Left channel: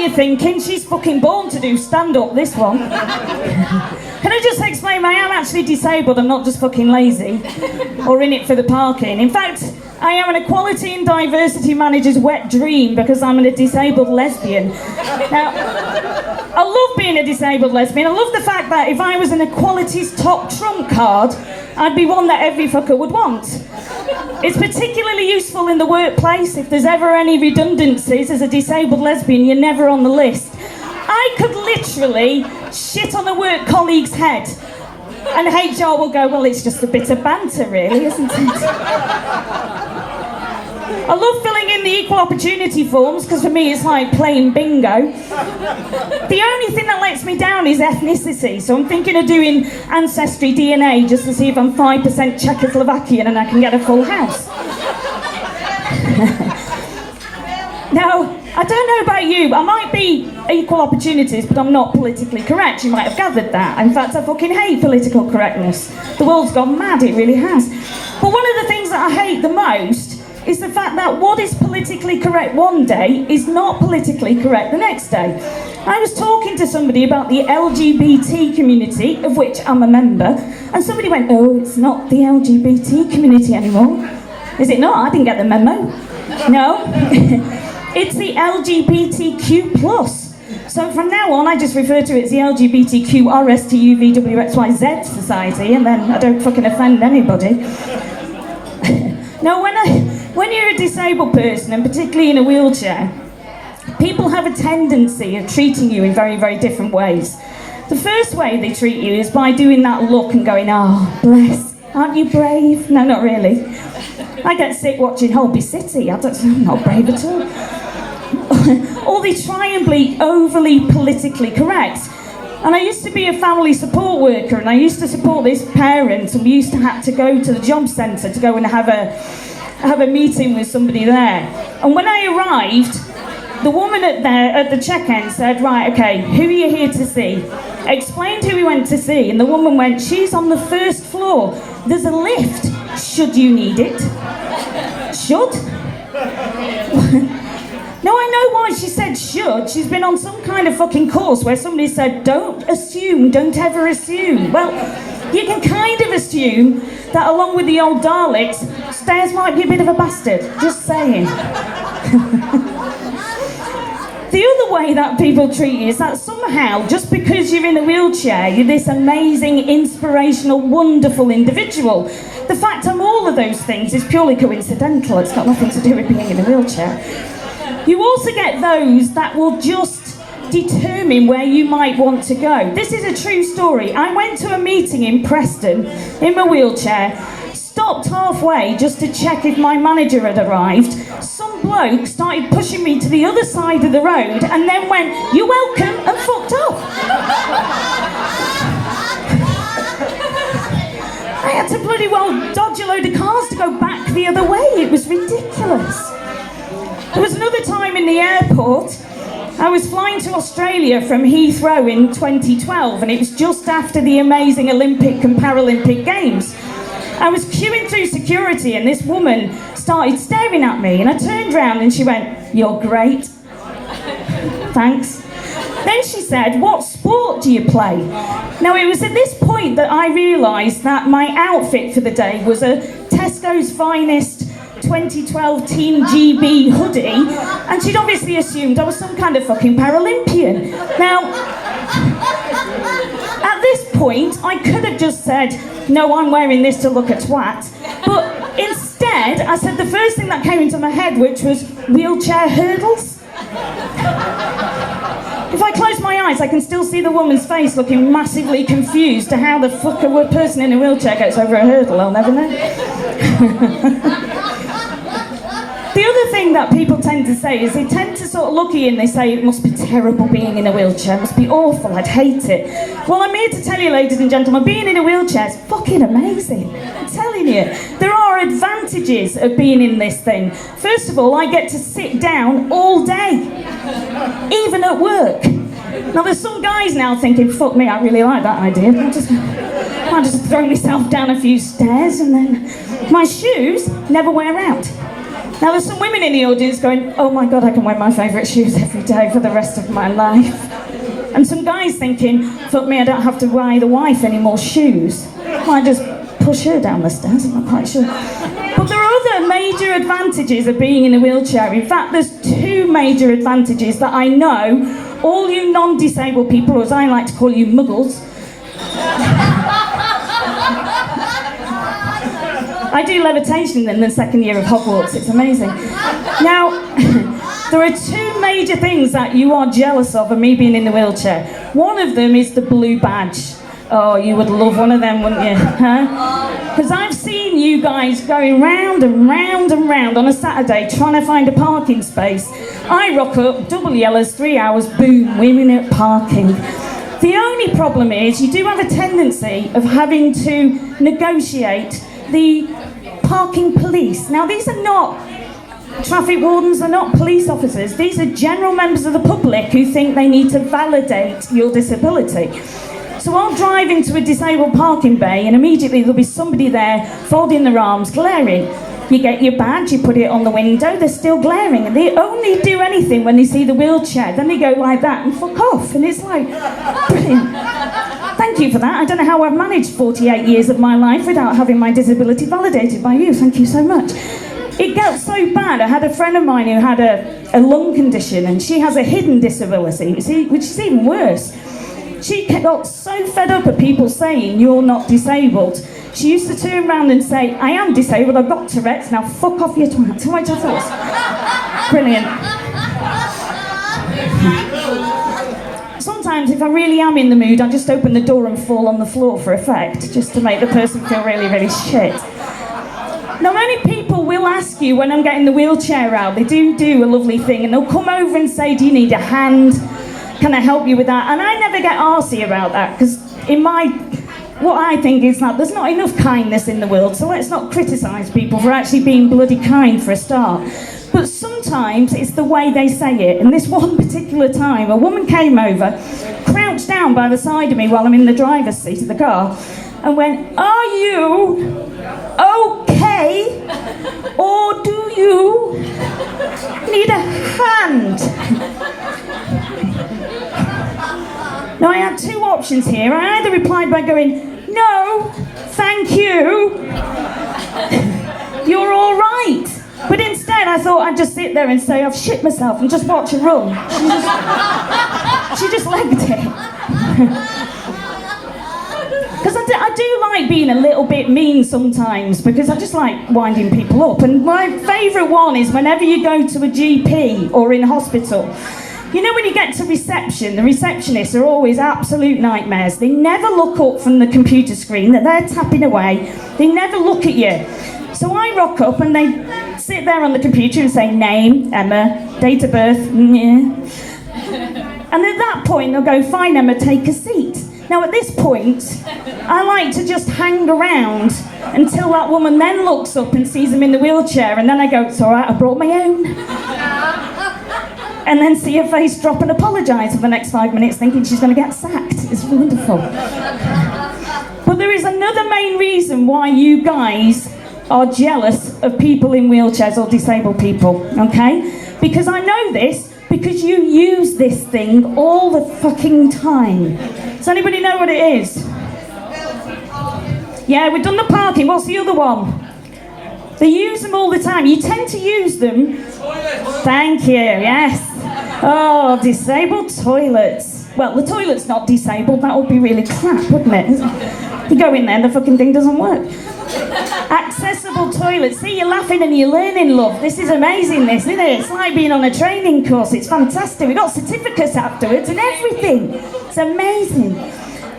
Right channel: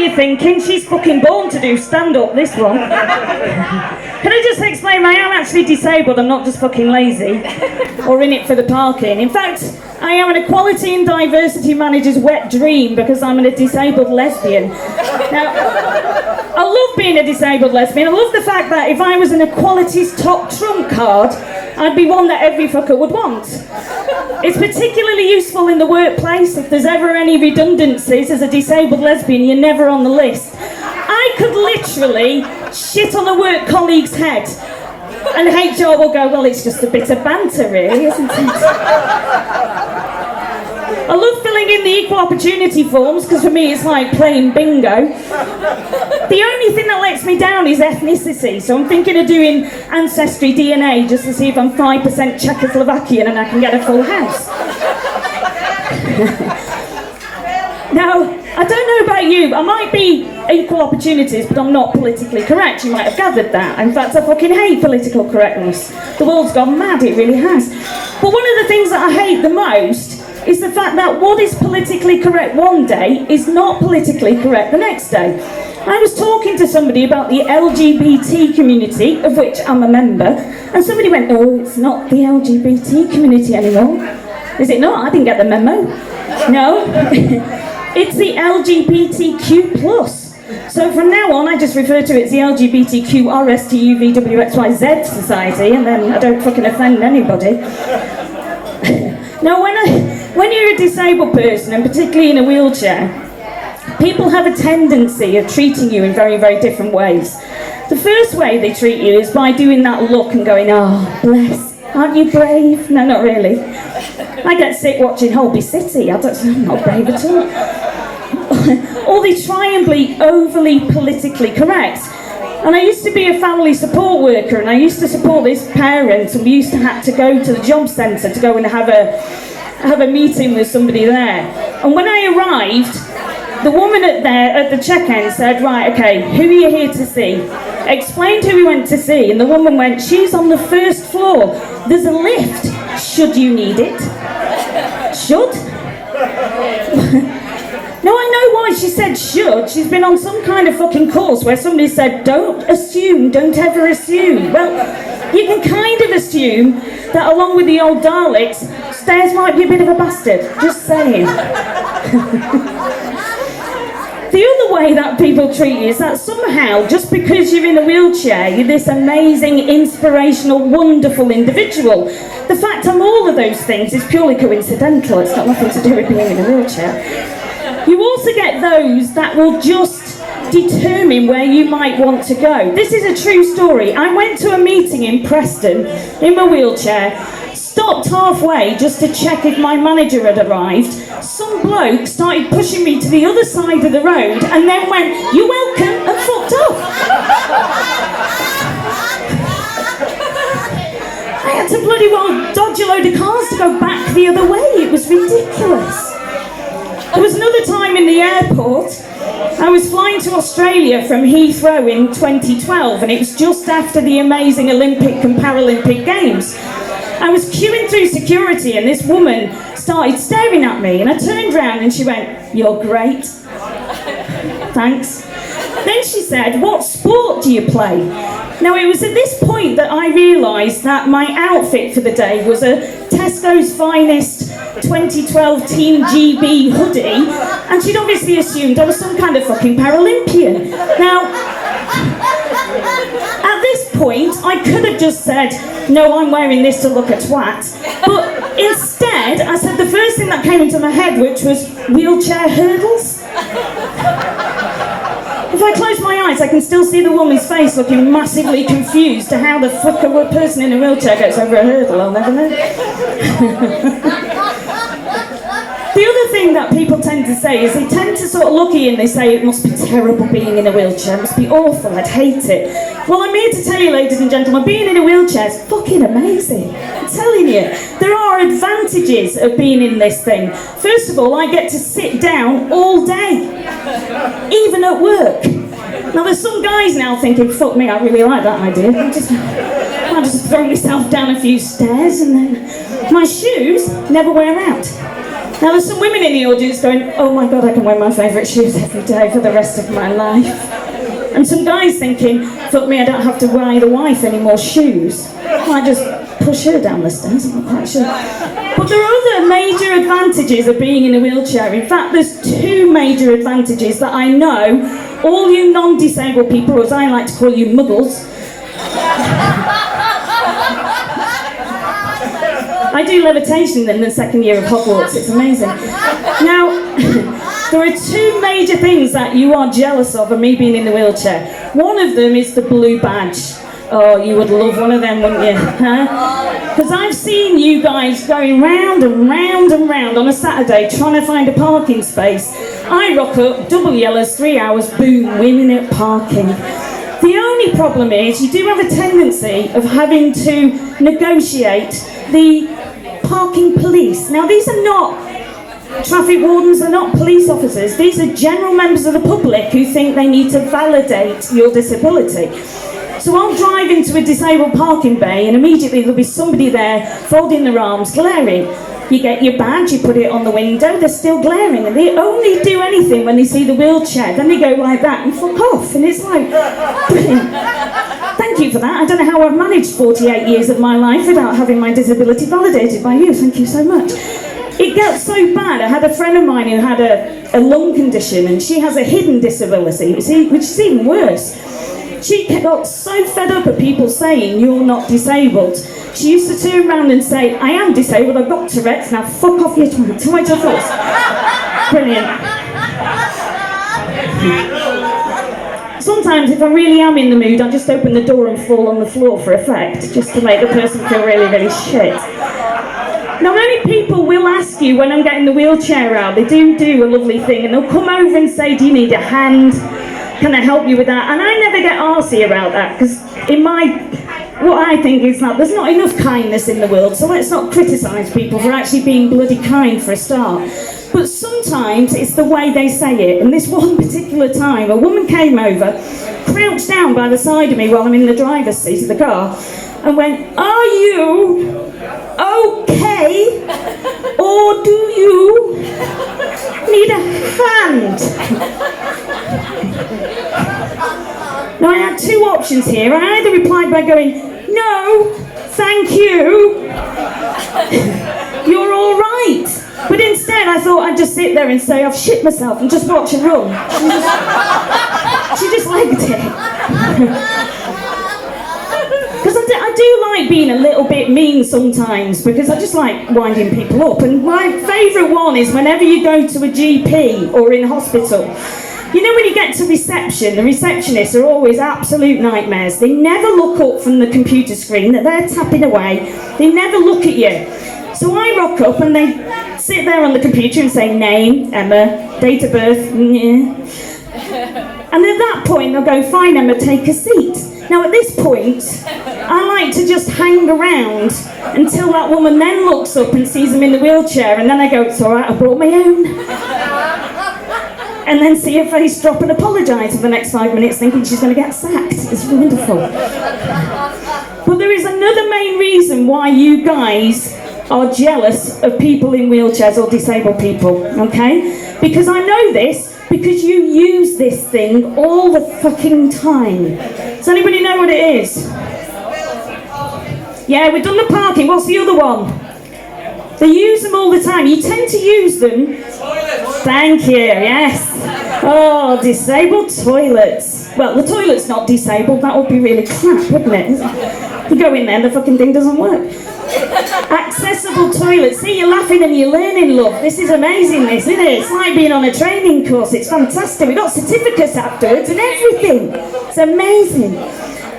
you're thinking, she's fucking born to do stand-up, this one. Can I just explain, I am actually disabled, I'm not just fucking lazy, or in it for the parking. In fact, I am an equality and diversity manager's wet dream because I'm a disabled lesbian. Now, I love being a disabled lesbian. I love the fact that if I was an equality's top trump card, I'd be one that every fucker would want. It's particularly useful in the workplace. If there's ever any redundancies as a disabled lesbian, you're never on the list. I could literally shit on a work colleague's head and HR will go, well, it's just a bit of banter really, isn't it? I love filling in the equal opportunity forms because for me it's like playing bingo. The only thing that lets me down is ethnicity, so I'm thinking of doing ancestry DNA just to see if I'm 5% Czechoslovakian and I can get a full house. Now, I don't know about you, I might be equal opportunities, but I'm not politically correct. You might have gathered that. In fact, I fucking hate political correctness. The world's gone mad, it really has. But one of the things that I hate the most is the fact that what is politically correct one day is not politically correct the next day. I was talking to somebody about the LGBT community, of which I'm a member, and somebody went, oh, it's not the LGBT community anymore. Is it not? I didn't get the memo. No. It's the LGBTQ+. So from now on, I just refer to it as the LGBTQRSTUVWXYZ society, and then I don't fucking offend anybody. Now, when you're a disabled person, and particularly in a wheelchair, people have a tendency of treating you in very, very different ways. The first way they treat you is by doing that look and going, oh, bless, aren't you brave? No, not really. I get sick watching Holby City. I'm not brave at all. Or they try and be overly politically correct. And I used to be a family support worker, and I used to support this parent, and we used to have to go to the job centre to go and have a meeting with somebody there. And when I arrived, the woman at the check-in said, right, okay, who are you here to see? Explained who we went to see, and the woman went, she's on the first floor. There's a lift, should you need it. Should? No, I know why she said should. She's been on some kind of fucking course where somebody said, don't assume, don't ever assume. Well, you can kind of assume that along with the old Daleks, Stairs might be a bit of a bastard. Just saying. The other way that people treat you is that somehow, just because you're in a wheelchair, you're this amazing, inspirational, wonderful individual. The fact I'm all of those things is purely coincidental. It's got nothing to do with being in a wheelchair. You also get those that will just determine where you might want to go. This is a true story. I went to a meeting in Preston in my wheelchair, stopped halfway just to check if my manager had arrived. Some bloke started pushing me to the other side of the road and then went, "You're welcome," and fucked off. I had to bloody well dodge a load of cars to go back the other way. It was ridiculous. There was another time in the airport. I was flying to Australia from Heathrow in 2012, and it was just after the amazing Olympic and Paralympic Games. I was queuing through security, and this woman started staring at me, and I turned round and she went, "You're great." Thanks. Then she said, "What sport do you play?" Now, it was at this point that I realised that my outfit for the day was a Tesco's Finest 2012 Team GB hoodie, and she'd obviously assumed I was some kind of fucking Paralympian. Now, at this point, I could have just said, "No, I'm wearing this to look a twat," but instead, I said the first thing that came into my head, which was wheelchair hurdles. If I close my eyes, I can still see the woman's face looking massively confused to how the fuck a person in a wheelchair gets over a hurdle. I'll never know. The other thing that people tend to say is they tend to sort of look at you and they say, "It must be terrible being in a wheelchair, it must be awful, I'd hate it." Well, I'm here to tell you, ladies and gentlemen, being in a wheelchair is fucking amazing. I'm telling you, there are advantages of being in this thing. First of all, I get to sit down all day, even at work. Now, there's some guys now thinking, "Fuck me, I really like that idea. I'll just throw myself down a few stairs and then..." My shoes never wear out. Now there's some women in the audience going, oh my God, I can wear my favourite shoes every day for the rest of my life. And some guys thinking, fuck me, I don't have to buy the wife any more shoes. I just push her down the stairs, I'm not quite sure. But there are other major advantages of being in a wheelchair. In fact, there's two major advantages that I know all you non-disabled people, or as I like to call you muggles, I do levitation in the second year of Hogwarts, it's amazing. Now, there are two major things that you are jealous of me being in the wheelchair. One of them is the blue badge. Oh, you would love one of them, wouldn't you? Because I've seen you guys going round and round and round on a Saturday trying to find a parking space. I rock up, double yellows, 3 hours, boom, winning at parking. The only problem is you do have a tendency of having to negotiate the parking police. Now, these are not traffic wardens, they're not police officers. These are general members of the public who think they need to validate your disability. So I'll drive into a disabled parking bay and immediately there'll be somebody there folding their arms, glaring. You get your badge, you put it on the window, they're still glaring, and they only do anything when they see the wheelchair. Then they go like that and fuck off, and it's like, brilliant. Thank you for that. I don't know how I've managed 48 years of my life without having my disability validated by you. Thank you so much. It gets so bad. I had a friend of mine who had a lung condition, and she has a hidden disability, which is even worse. She got so fed up at people saying, you're not disabled. She used to turn around and say, I am disabled, I've got Tourette's, now fuck off your Tourette's. So I just thought, brilliant. Sometimes if I really am in the mood, I just open the door and fall on the floor for effect, just to make the person feel really, really shit. Now, many people will ask you when I'm getting the wheelchair out, they do a lovely thing, and they'll come over and say, do you need a hand? Can I help you with that? And I never get arsey about that, because what I think is that there's not enough kindness in the world, so let's not criticise people for actually being bloody kind for a start. But sometimes it's the way they say it, and this one particular time, a woman came over, crouched down by the side of me while I'm in the driver's seat of the car, and went, are you okay, or do you need a hand? Now I had two options here. I either replied by going, no, thank you, you're all right. But instead I thought I'd just sit there and say, I've shit myself, and just watch her run. She just legged it. Because I do like being a little bit mean sometimes, because I just like winding people up. And my favourite one is whenever you go to a GP or in hospital. You know when you get to reception, the receptionists are always absolute nightmares. They never look up from the computer screen, they're tapping away. They never look at you. So I rock up and they sit there on the computer and say, name, Emma, date of birth, and at that point they'll go, fine Emma, take a seat. Now at this point, I like to just hang around until that woman then looks up and sees them in the wheelchair, and then I go, it's alright, I brought my own. And then see her face drop and apologise for the next 5 minutes, thinking she's going to get sacked. It's wonderful. But there is another main reason why you guys are jealous of people in wheelchairs or disabled people, okay? Because I know this, because you use this thing all the fucking time. Does anybody know what it is? Yeah, we've done the parking. What's the other one? They use them all the time. You tend to use them. Thank you, yes. Oh, disabled toilets. Well, the toilet's not disabled. That would be really crap, wouldn't it? You go in there and the fucking thing doesn't work. Accessible toilets. See, you're laughing and you're learning, love. This is amazing, this, isn't it? It's like being on a training course. It's fantastic. We've got certificates afterwards and everything. It's amazing.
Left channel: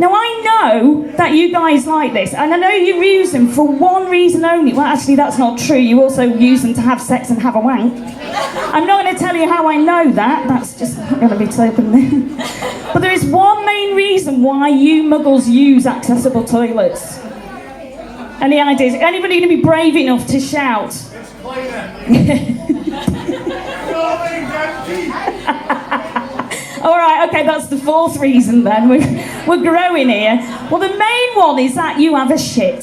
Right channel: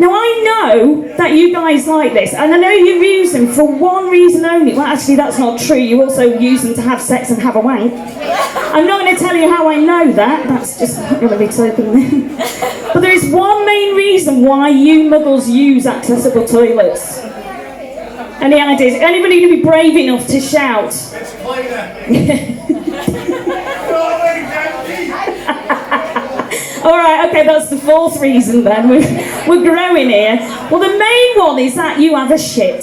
Now, I know that you guys like this, and I know you use them for one reason only. Well, actually, that's not true. You also use them to have sex and have a wank. I'm not going to tell you how I know that. That's just not going to be token there. But there is one main reason why you muggles use accessible toilets. Any ideas? Anybody going to be brave enough to shout? All right, okay, that's the fourth reason then. We're growing here. Well, the main one is that you have a shit.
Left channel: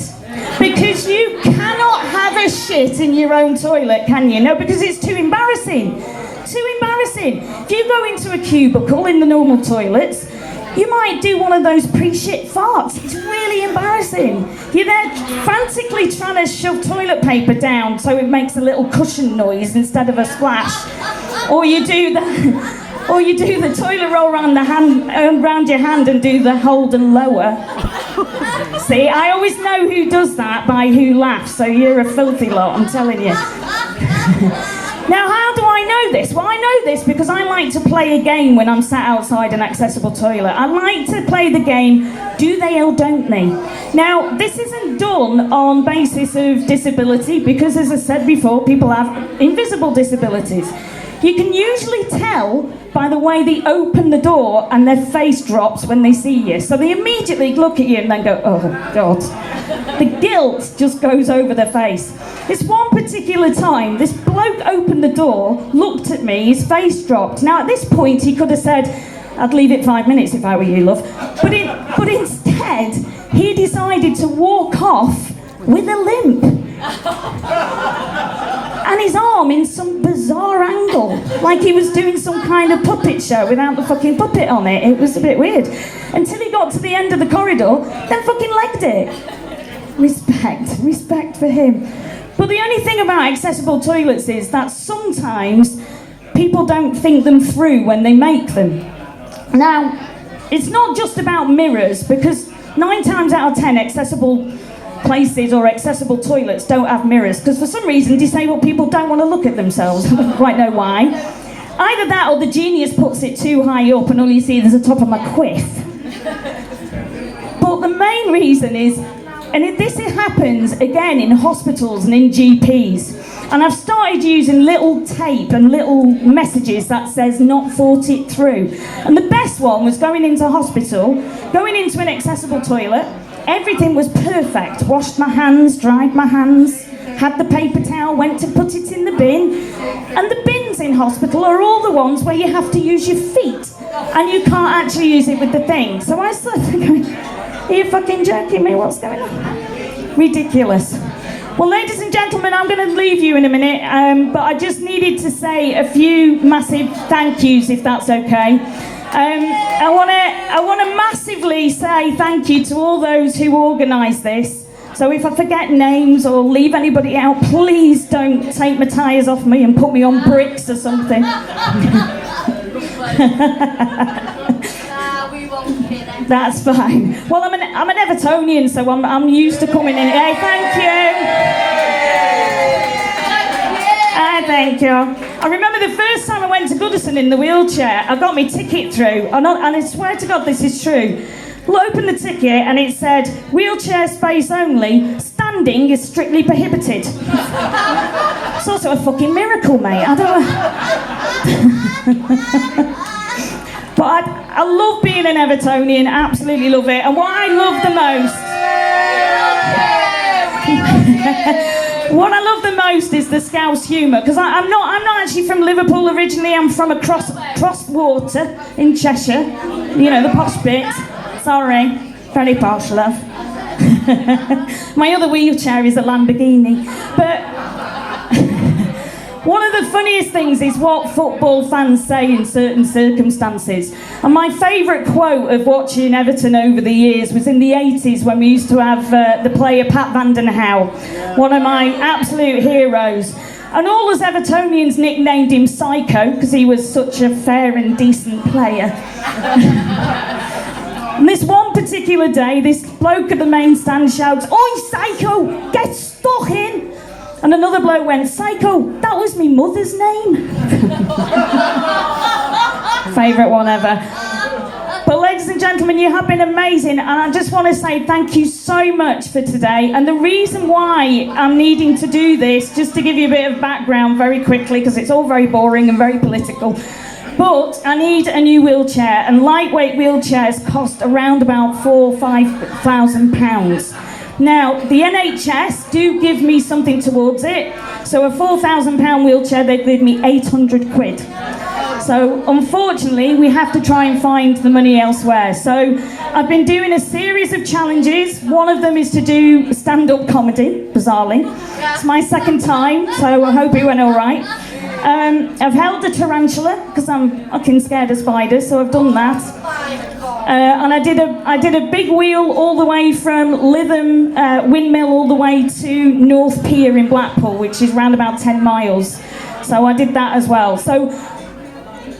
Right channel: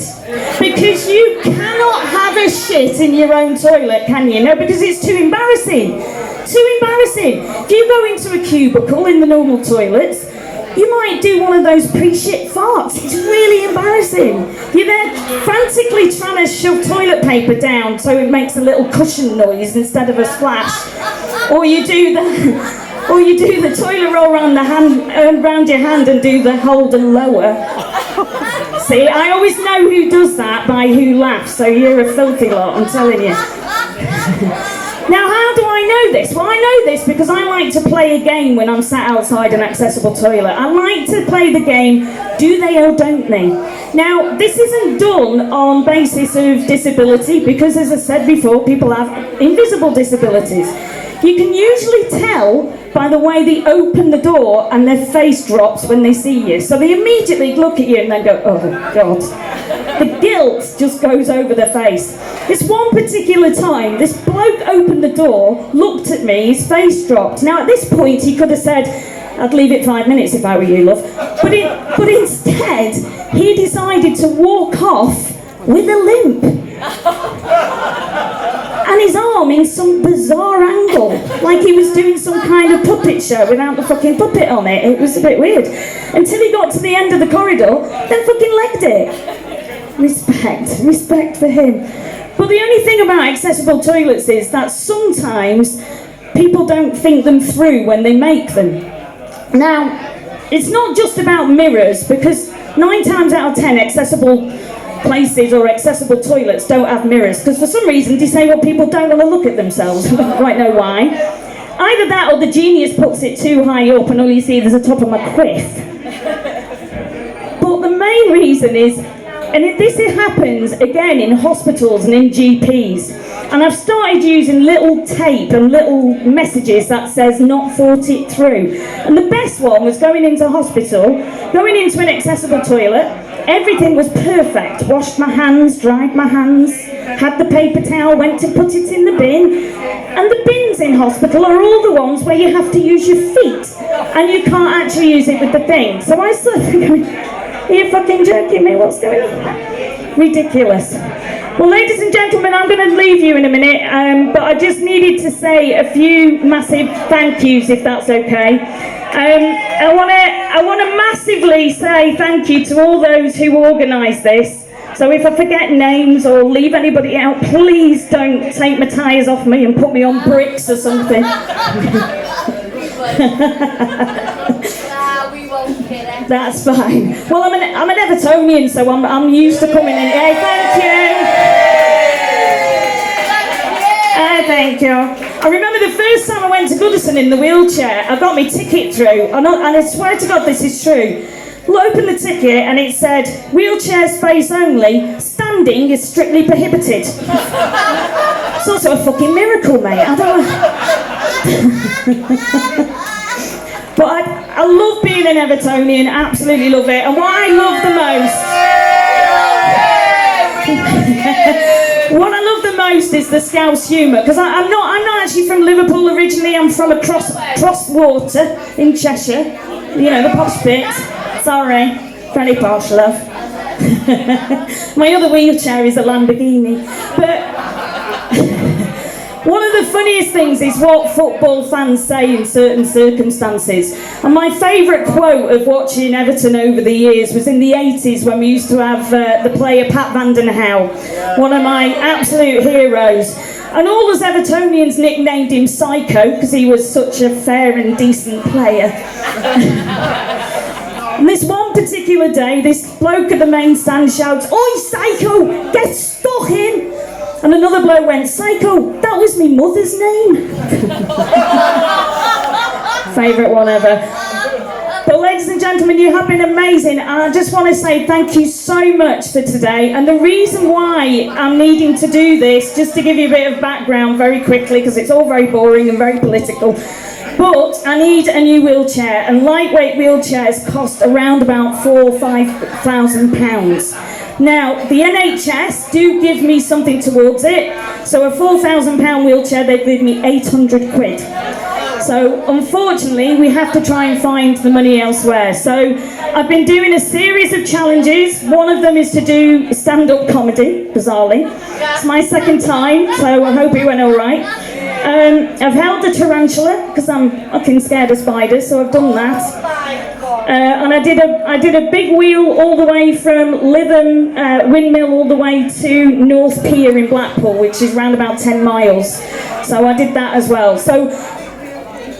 Because you cannot have a shit in your own toilet, can you? No, because it's too embarrassing. Too embarrassing. If you go into a cubicle in the normal toilets, you might do one of those pre-shit farts. It's really embarrassing. You're there frantically trying to shove toilet paper down so it makes a little cushion noise instead of a splash. Or you do the toilet roll around your hand and do the hold and lower. See, I always know who does that by who laughs, so you're a filthy lot, I'm telling you. Now, how do I know this? Well, I know this because I like to play a game when I'm sat outside an accessible toilet. I like to play the game, do they or don't they? Now, this isn't done on basis of disability because, as I said before, people have invisible disabilities. You can usually tell by the way they open the door and their face drops when they see you. So they immediately look at you and then go, oh God. The guilt just goes over their face. This one particular time, this bloke opened the door, looked at me, his face dropped. Now at this point he could have said, I'd leave it 5 minutes if I were you, love. But instead, he decided to walk off with a limp. And his arm in some bizarre angle, like he was doing some kind of puppet show without the fucking puppet on it. It was a bit weird. Until he got to the end of the corridor, then fucking legged it. Respect for him. But the only thing about accessible toilets is that sometimes people don't think them through when they make them. Now, it's not just about mirrors, because 9 times out of 10 accessible places or accessible toilets don't have mirrors, because for some reason disabled people don't want to look at themselves. I don't quite know why. Either that or the genius puts it too high up and all you see is the top of my quiff. But the main reason is, and this happens again in hospitals and in GPs, and I've started using little tape and little messages that says not thought it through. And the best one was going into hospital, going into an accessible toilet. Everything was perfect. Washed my hands, dried my hands, had the paper towel, went to put it in the bin. And the bins in hospital are all the ones where you have to use your feet and you can't actually use it with the thing. So I started going, are you fucking joking me? What's going on? Ridiculous. Well, ladies and gentlemen, I'm going to leave you in a minute, but I just needed to say a few massive thank yous, if that's okay. I want to massively say thank you to all those who organised this. So if I forget names or leave anybody out, please don't take my tyres off me and put me on bricks or something. We won't hit it. That's fine. Well, I'm an Evertonian, so I'm used to coming in. Hey, thank you. Thank you. I remember the first time I went to Goodison in the wheelchair, I got my ticket through, and I swear to God this is true. Well, I opened the ticket and it said, wheelchair space only, standing is strictly prohibited. It's also a fucking miracle, mate. I don't know. But I love being an Evertonian, absolutely love it. And what I love the most... What I love the most is the Scouse humour, because I'm not actually from Liverpool originally. I'm from across water in Cheshire, you know, the posh bit. Sorry, very posh, love. My other wheelchair is a Lamborghini. But one of the funniest things is what football fans say in certain circumstances. And my favourite quote of watching Everton over the years was in the 80s when we used to have the player Pat Van Den Houw, one of my absolute heroes. And all us Evertonians nicknamed him Psycho because he was such a fair and decent player. And this one particular day, this bloke at the main stand shouts, "Oi, Psycho, get stuck in!" And another bloke went, "Psycho, that was me mother's name." Favourite one ever. But ladies and gentlemen, you have been amazing, and I just want to say thank you so much for today. And the reason why I'm needing to do this, just to give you a bit of background very quickly, because it's all very boring and very political, but I need a new wheelchair, and lightweight wheelchairs cost around about £4,000 or £5,000. Now, the NHS do give me something towards it, so a £4,000 wheelchair, they give me 800 quid. So unfortunately, we have to try and find the money elsewhere. So I've been doing a series of challenges. One of them is to do stand-up comedy, bizarrely. It's my second time, so I hope it went all right. I've held a tarantula because I'm fucking scared of spiders, so I've done that. And I did a big wheel all the way from Lytham Windmill all the way to North Pier in Blackpool, which is round about 10 miles. So I did that as well. So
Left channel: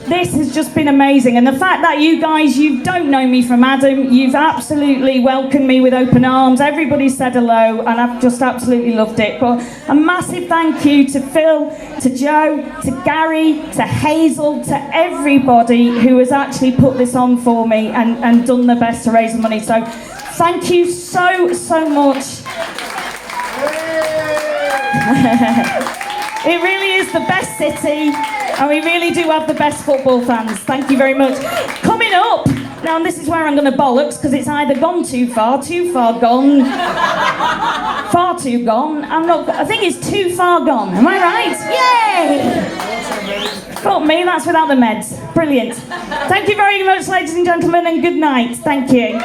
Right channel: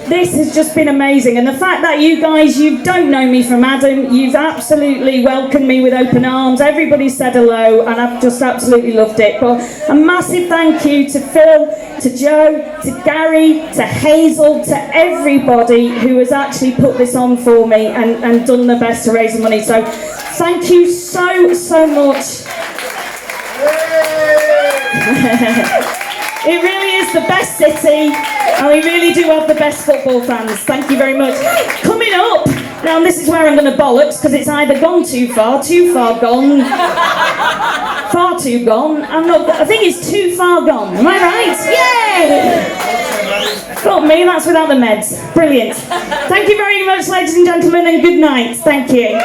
this has just been amazing, and the fact that you guys, you don't know me from Adam, you've absolutely welcomed me with open arms. Everybody said hello, and I've just absolutely loved it. But a massive thank you to Phil, to Joe, to Gary, to Hazel, to everybody who has actually put this on for me and done the best to raise the money. So thank you so much. It really is the best city, and we really do have the best football fans. Thank you very much. Coming up, now this is where I'm going to bollocks, because it's either gone too far gone, far too gone. I think it's too far gone. Am I right? Yay! Got me, that's without the meds. Brilliant. Thank you very much, ladies and gentlemen, and good night. Thank you.